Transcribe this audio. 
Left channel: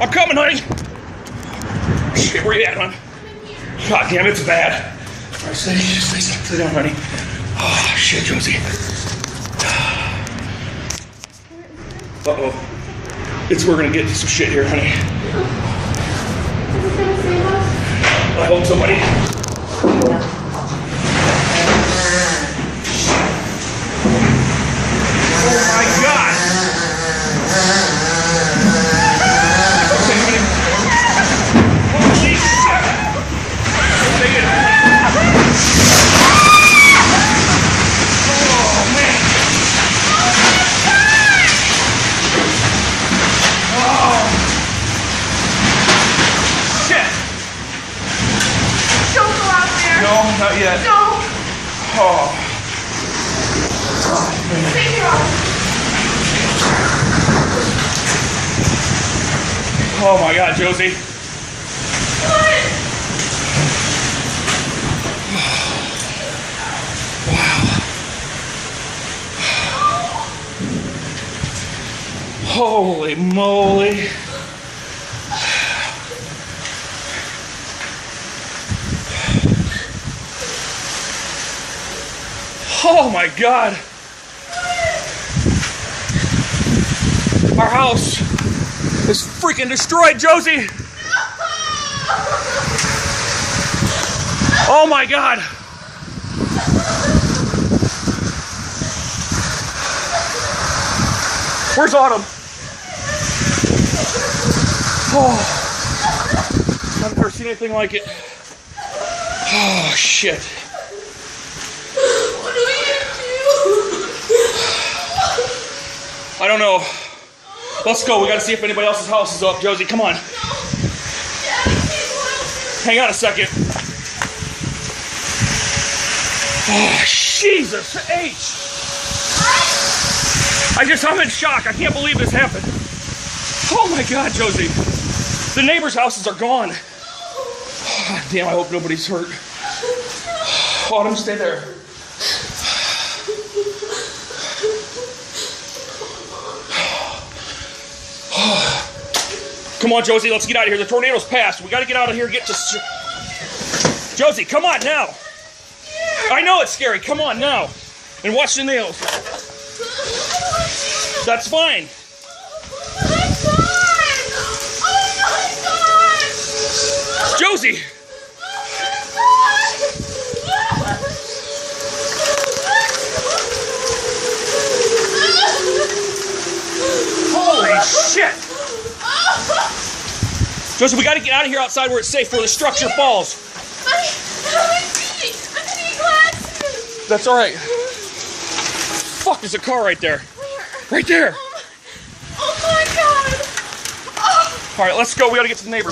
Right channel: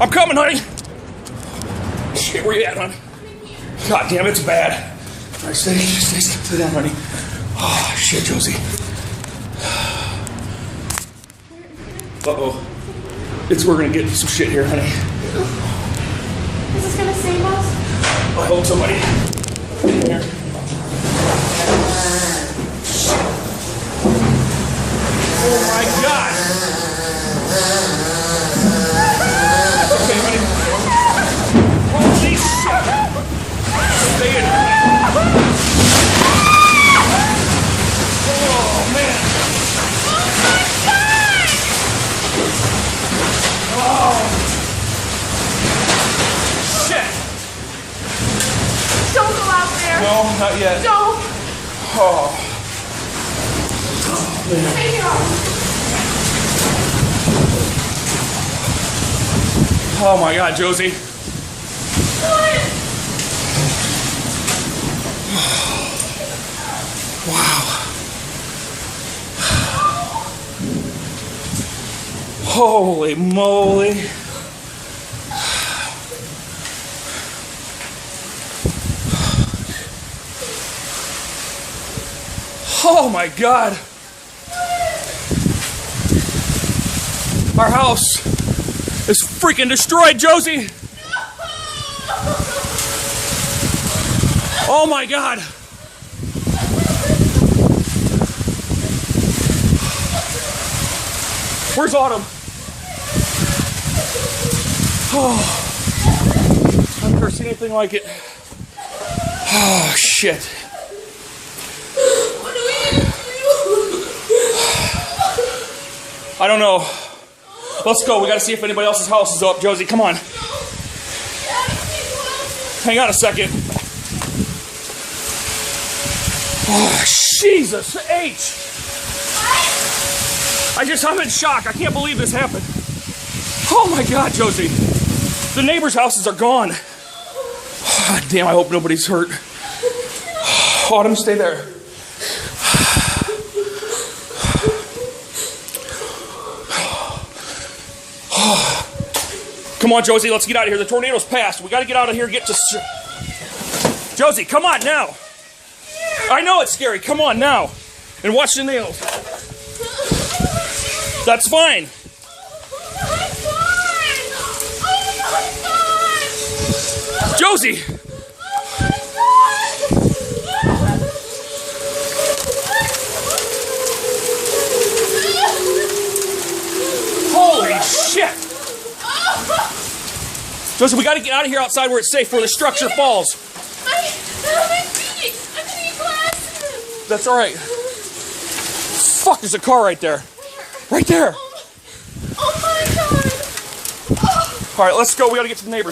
I'm coming, honey. Shit, where you at, hon? God damn, it's bad. All right, stay down, honey. Oh, shit, Josie. Uh-oh. We're gonna get some shit here, honey. Is this gonna save us? I hope somebody. Oh my God! Okay, honey. Holy shit! Stay in. Oh man! Oh! Shit! Don't go out there. No, not yet. Don't. Oh. Stay here. Oh my God, Josie. What? Wow. Holy moly. Oh my God. Our house is freaking destroyed, Josie. Oh my God. Where's Autumn? Oh, I've never seen anything like it. Oh, shit. What do we do? I don't know. Let's go. We gotta see if anybody else's house is up, Josie. Come on. Hang on a second. Oh, Jesus H. I'm in shock. I can't believe this happened. Oh my God, Josie. The neighbors' houses are gone. Oh, damn, I hope nobody's hurt. Autumn, stay there. Come on, Josie, let's get out of here. The tornado's passed. We gotta get out of here and get to... Josie, come on now. I know it's scary. Come on now. And watch the nails. That's fine. Josie! Holy shit! Josie, we gotta get out of here outside where it's safe, where the structure falls. That's alright. Fuck, there's a car right there. Right there. Oh my God. Alright, let's go. We gotta get to the neighbors.